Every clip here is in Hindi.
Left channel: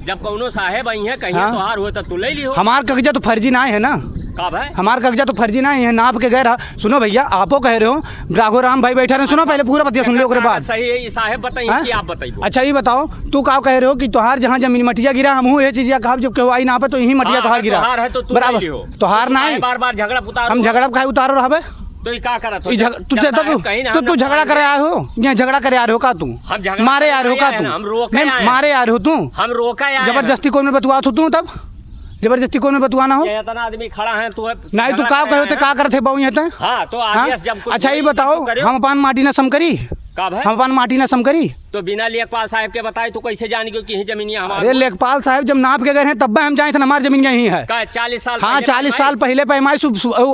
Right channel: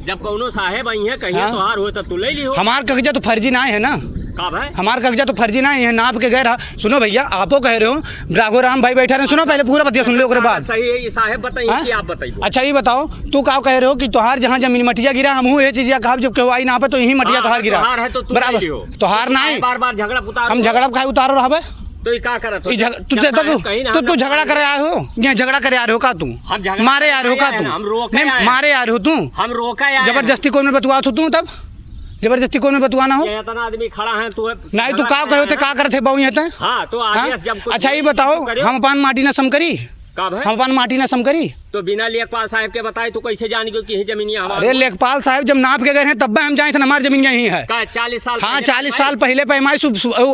जब कौनो साहेब आई है कहीं तोहार हो तब तू ले ली हो। हमार कागजा तो फर्जी ना है ना, हमार कागजा तो फर्जी ना है, नाप के गए रहा। सुनो भैया, आपो कह रहे हो, राघो राम भाई बैठा रहे, सुनो पहले पूरा बतिया सुन लो उसके बाद। सही साहेब बताइए कि आप बताइए। अच्छा ये बताओ, तू का कह रहे हो कि तोहार जहाँ जमीन मटिया गिरा, हम ये चीज कहा जब केहू आई ना पे तो यही मटिया तोहार गिरा बराबर, तोहार ना है। बार झगड़ा हम झगड़ा खाए उतारो रहा तो क्या करत हो? तू झगड़ा करे आए हो, यहाँ झगड़ा करे आ रहे हो का तू? मारे आ रहे हो का तू? नहीं मारे आ रहे हो तू? हम रोका जबरदस्ती कौन में बतुआ तू? तब जबरदस्ती कौन में बतुआना हो? इतना आदमी खड़ा है तू नहीं तू का कहे थे का करते बहु यहाँ तक? हाँ तो अच्छा ये बताओ, हम अपन माटी न सम करी, हम अपन माटी न सम करी तो बिना लेखपाल साहब के बताए तो कैसे जान गए कि जमीन हमारी? अरे लेखपाल साहब जब नाप के गए हैं तब हम जाए थे हमारी जमीन यही है। 40 साल? हाँ 40 साल पहले पैमाइश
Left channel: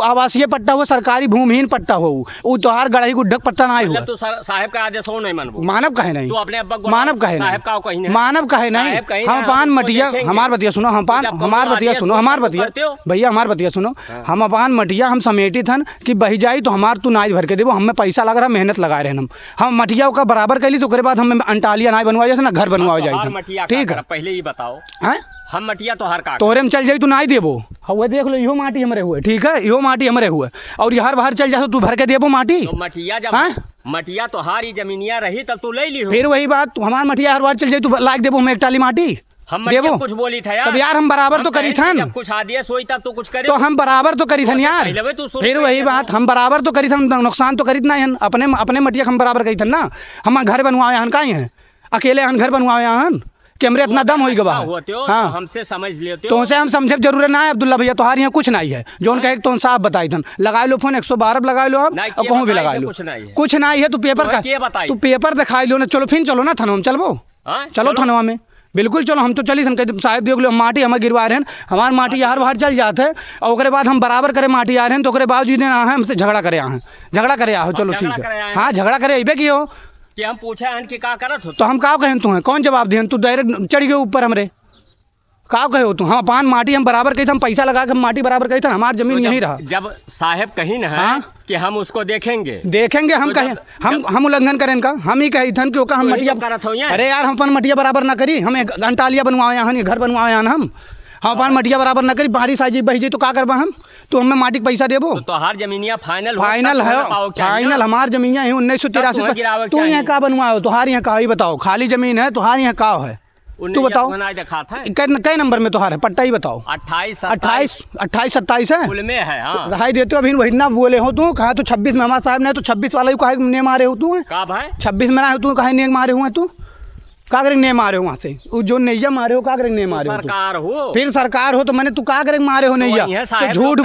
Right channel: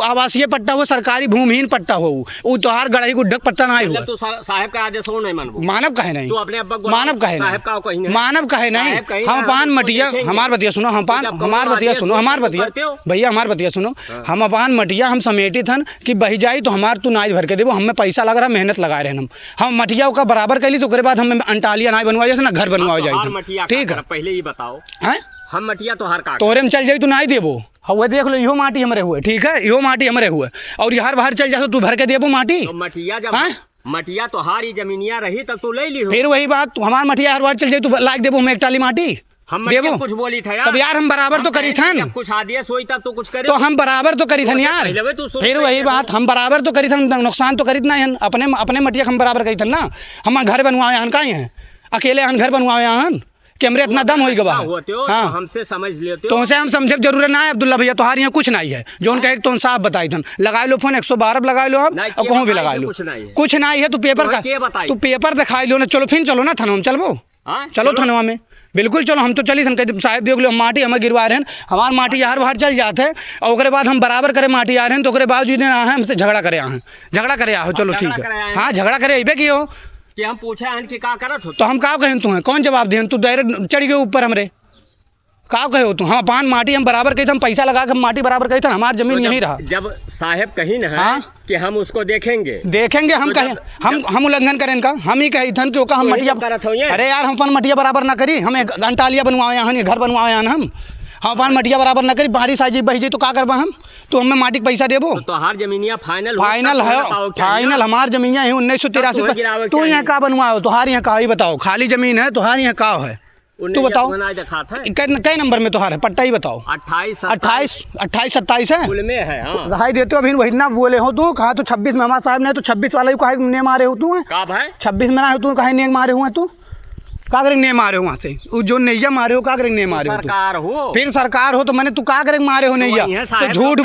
आवासीय पट्टा हो, सरकारी भूमिहीन पट्टा हो, वो तोहार गढ़ई गुड्ढक पट्टा ना हो। तो साहब का आदेश हो नहीं मानबो? मानव कहे नहीं, तो अपने अब्बा को मानव कहे नहीं, मानव कहे नहीं। हम पान मटिया, हमार बतिया सुनो, हम पान हमार बतिया सुनो, हमार बतिया भैया, हमार बतिया सुनो, हम अपान मटिया हम समेटी थन कि बही जाई तो हमार तू नाच भर के देवो, हमें पैसा लग रहा, मेहनत लगा रहे हम मटिया का बराबर कैली तो बाद हमें अंटालिया ना बनवा जाए ना घर बनवा जाए। ठीक है पहले ही बताओ, हम मटिया तो हर का तोरे में चल जाई तू ना देबो, हुए देख लो, इहो माटी हमरे हुए, ठीक है इहो माटी हमरे हुए, और यार बाहर चल जा तू भर के देबो माटी। तो मटिया जब मटिया तो हारी जमीनिया रही तब तू ले ली हो। फिर वही बात, हमार मटिया हर बार चल जाई तू लाख देबो, हम एक टाली माटी हम कुछ बोली था यार। तब यार हम बराबर तो करी थन, कुछ आदेश हुई तब तू कुछ करे तो हम बराबर तो करी थन यार। फिर वही बात, हम बराबर तो करी थन, नुकसान तो करी ना है, अपने मटिया हम बराबर करी थन ना। हम घर बनवाए हन, कहीं है अकेले हन घर बनवाए हन कि हमरे इतना दम हो गवा। हाँ हमसे समझ लेते तो हम समझे जरूरत ना है अब्दुल्ला भैया, तुम्हारे यहाँ कुछ नहीं है जो उनका एक तो साफ बताई थन। लगा लो फोन 112 लगा लो आप, और कहूँ भी लगा लो, कुछ नहीं है। तू पेपर का तू पेपर दिखाई लो ना, चलो फिर चलो ना थनवा में, चलो चलो थनवा में, बिल्कुल चलो। हम तो चली साहब देख लो, माटी हमें गिरवा रहे हैं, हमारे माटी यार बाहर चल जाते हैं, और उसके बाद हम बराबर करे माटी आ रहे हैं, तो उसके बावजूद हमसे झगड़ा करे आ हैं, झगड़ा करे आओ, चलो ठीक है। हाँ झगड़ा करे अबे की हो कि हम पूछा है कि का करत हो, तो हम का कहें तू है, कौन जवाब दें? तू डायरेक्ट चढ़ गए ऊपर हमरे, का कहे हो तू? हम पान माटी हम बराबर कही, हम पैसा लगा के माटी बराबर कही था, हमारी जमीन यही रहा। जब साहेब कही ना कि हम उसको देखेंगे हम कहें, हम उल्लंघन करें का, हम ही कही थन कि हम मटिया, अरे यार हम अपन मटिया बराबर ना करी, हमें अंटालिया बनवाए यहाँ, घर बनवाए हम अपन मटिया बराबर ना करी, बारिश आ जाए बही जाए तो का करबा हम? तो हमें माटी पैसा देबो? तो हर जमीनिया फाइनल है, फाइनल हमार जमीनिया है 1983। तू यहाँ का बनवाओ, तुहार यहाँ का ही बताओ, खाली जमीन है तुहार यहाँ का है? तू बताओ कई नंबर में तुहार है, पट्टा ही बताओ। 28 27 है, रहाई देते हो अभी वही ना बोले हो तू, कहा तू 26 में हमारे साहब ने तो 26 वाला ही कहा ने मारे हो तू है, 26 में ना हो तू, कहा ने मारे हुआ तू, का करेंगे ने मारे हो वहाँ से, वो जो नैया मारे हो का करेंगे ने मारे हो तू? फिर सरकार हो तो मैंने तू का करेंगे मारे हो नैया? तो झूठ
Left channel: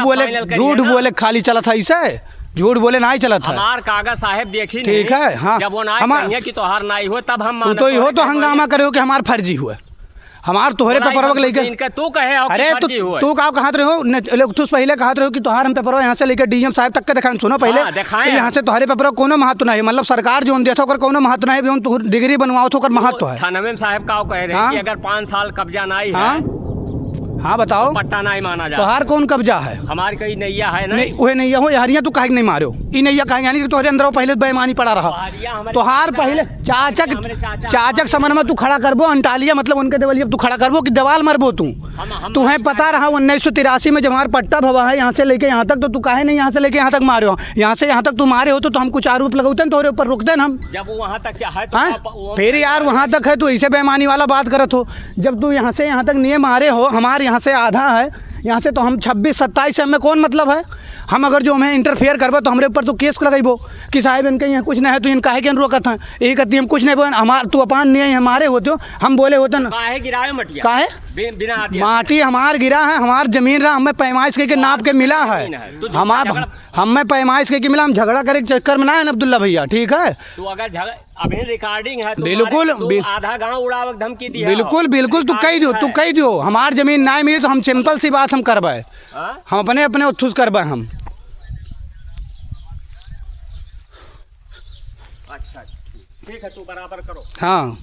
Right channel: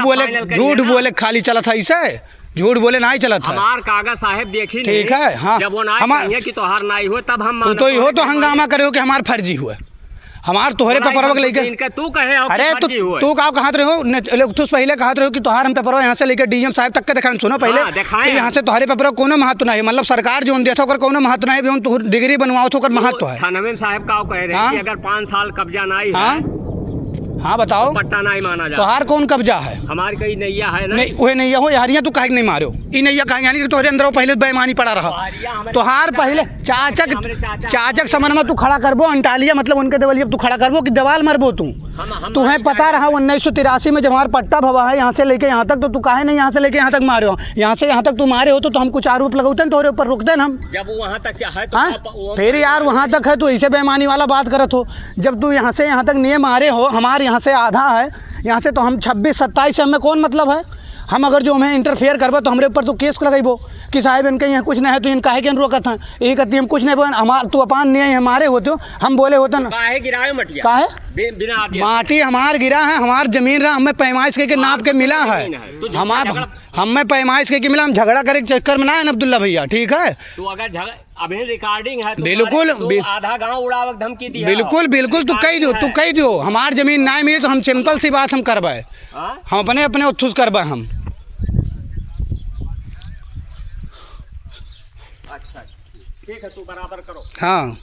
बोले खाली चला था इसे, झूठ बोले ना ही चला था। हमार कागज साहब देखी ठीक है। हाँ जब वो ना कि तोहार ना हो तब हम तो ही हो तो हंगामा करे हो कि हमार फर्जी हुआ, हमार तोहरे पेपरवा लेके तू कहे हो? अरे तू का कहत रहे हो, तू पहले कहत रहे हो कि तोहार हम पेपरवा यहाँ से लेकर डीएम साहब तक के दिखाएं। सुनो पहले यहाँ से तोहरे पेपरवा कोनो महत्व नहीं, मतलब सरकार जो देता होकर कोनो महत्व नहीं, जो तू डिग्री बनवाओ तो महत्व है। थाना साहब का कह रहे हैं कि अगर 5 साल कब्जा नहीं है, हाँ बताओ, पट्टा नहीं माना जाए। तोहार कौन कब्जा है? हमारी कोई नैया है ना? नहीं वही नैया हो यारियाँ, तू काहे नहीं मारो ई नैया काहे, यानी कि तोहरे अंदर पहले बेईमानी पड़ा रहा, तोहार पहले चाचक समन में तू खड़ा करबो अंटालिया, मतलब उनके देवलिया तू खड़ा करबो कि दवाल मरबो तू? तुम्हें पता रहा 1983 में जब हमारा पट्टा भवा है यहाँ से लेके यहाँ तक, तो तू काहे नहीं यहाँ से लेके यहाँ तक मारे हो? यहाँ से यहाँ तक तू मारे हो तो हम कुछ आरोप लगाते तोहरे ऊपर रुकते हम, जब वहाँ तक चाहे तो फिर यार वहाँ तक है, तू ऐसे बेईमानी वाला बात करत हो। जब तू यहाँ से यहाँ तक नहीं मारे हो, हमारे यहाँ से आधा है, यहाँ से तो हम 26-27 से हमें कौन मतलब है? हम अगर जो हमें इंटरफेयर करबो तो हमरे ऊपर तो केस लगाइबो कि साहब इनके यहाँ कुछ नहीं है, तो इनका है कि रोकत है, यही कहती हम कुछ नहीं बोल, हमार तू अपान नहीं हमारे होते हो, हम बोले होते ना काहे गिराए मटिया, काहे बिना माटी हमार गिरा है, हमार जमीन रहा, हमें पैमाइश के नाप के मिला है, हमें पैमाइश के मिला, हम झगड़ा करे चक्कर में ना है अब्दुल्ला भैया, ठीक है? तो अगर अभी रिकॉर्डिंग है तो बिल्कुल आधा गांव उड़ावक धमकी दी, बिल्कुल तू कही दियो हमार जमीन ना मिली तो हम सिंपल सी बात हम करवाए, हम अपने उत्थुस करवाए हम। अच्छा ठीक है, तू बराबर करो। हाँ